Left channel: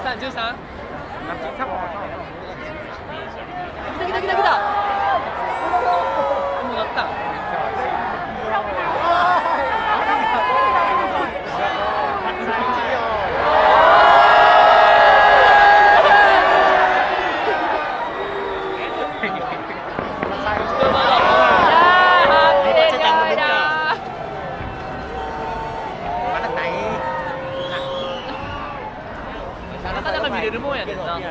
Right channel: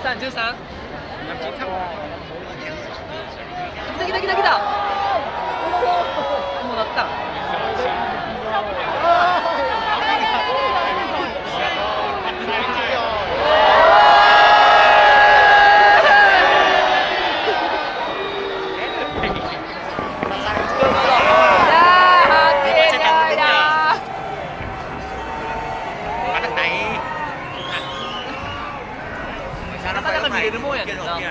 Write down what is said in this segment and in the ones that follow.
13、13。来た来た来た来た。もうなったん。なかなか見れるもんやねんな。あ、おめ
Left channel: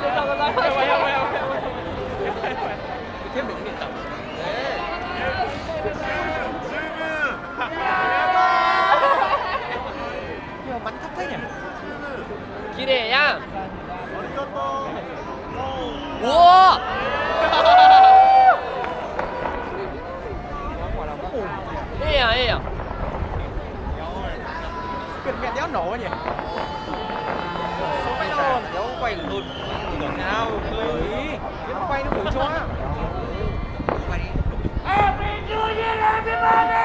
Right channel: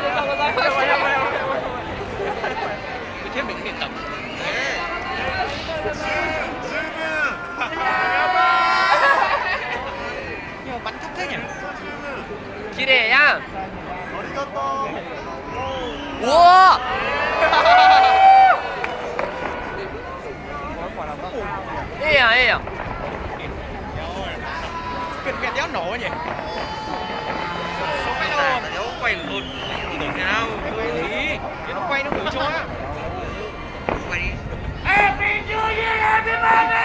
でとうございます。やばいやばいやばいやばいやばい。全部見てた。十分。やばい。もうバッタやん。綺麗やん。ありがとう。おお。ええやんええやん。Kinh nghe đéo nổ vậy. Đéo quay được luôn. Đổ nhau. Đi. Nó quay nó ngửi cho. Quay đi. Happy New Year everybody.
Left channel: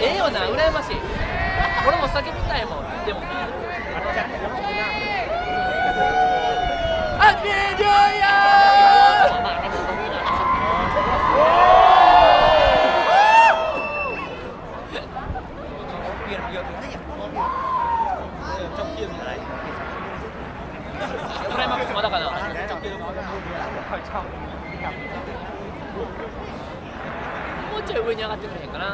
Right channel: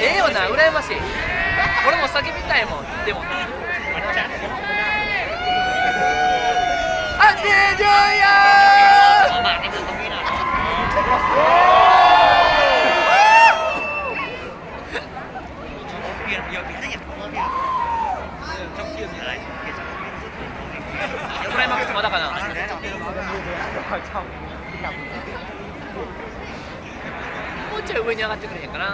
Ehよな、羨ましい。俺も叫びたいもん。でも。Happy New Year! Hôm nay mặc cái đó cả nào? Một chút vừa nhớ cái này cả na.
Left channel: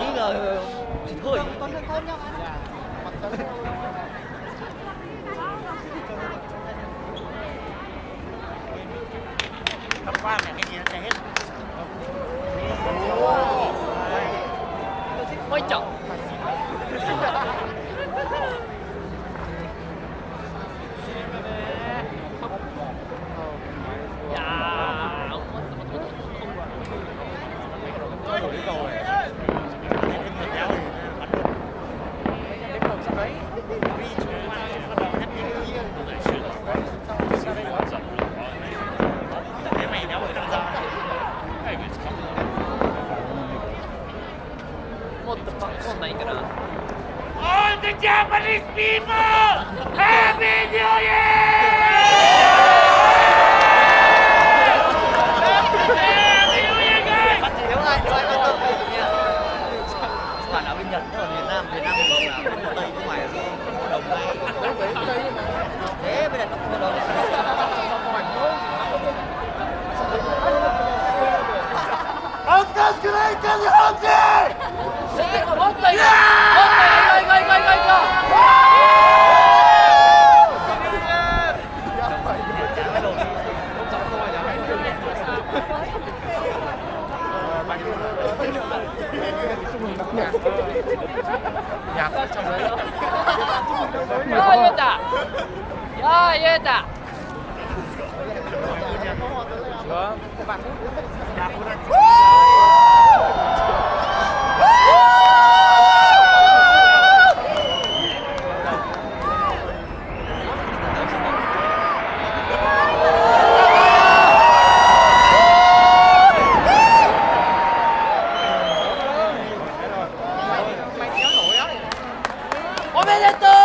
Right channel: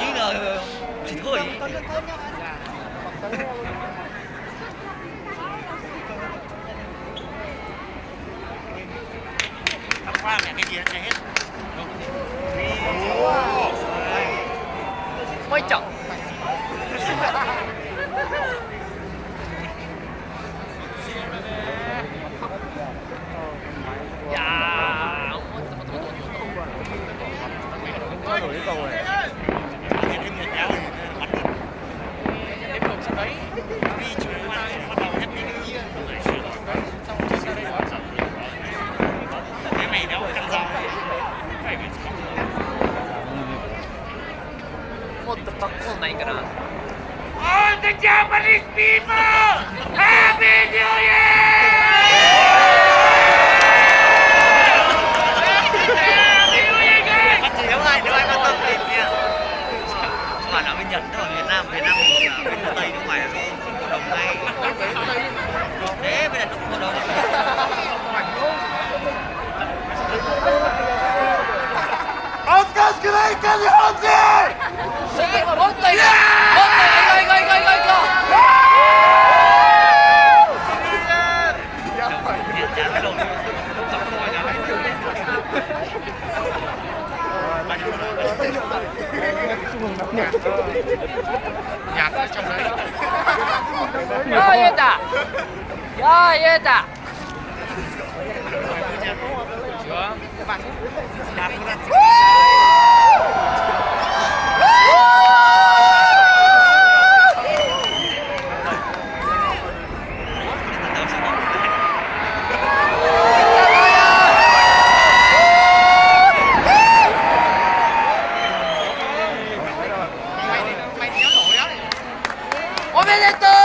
Ý rồi thì thôi. Con nhau anh. Không qua này cái gì nó hết. Quay chậm. All the Japanese people! Happy New Year! Nếu ai có tâm thì các bạn ở bên Nhật, ở Việt Nam mình là bên Tây nước ngoài không có đồng ngay. Thế bây giờ không có đồng. Oscar Skrek日本人！もっといこう！もっといこう！行こう行こう行こう行こう！やばいよー言えた！よー言えた！おめでとう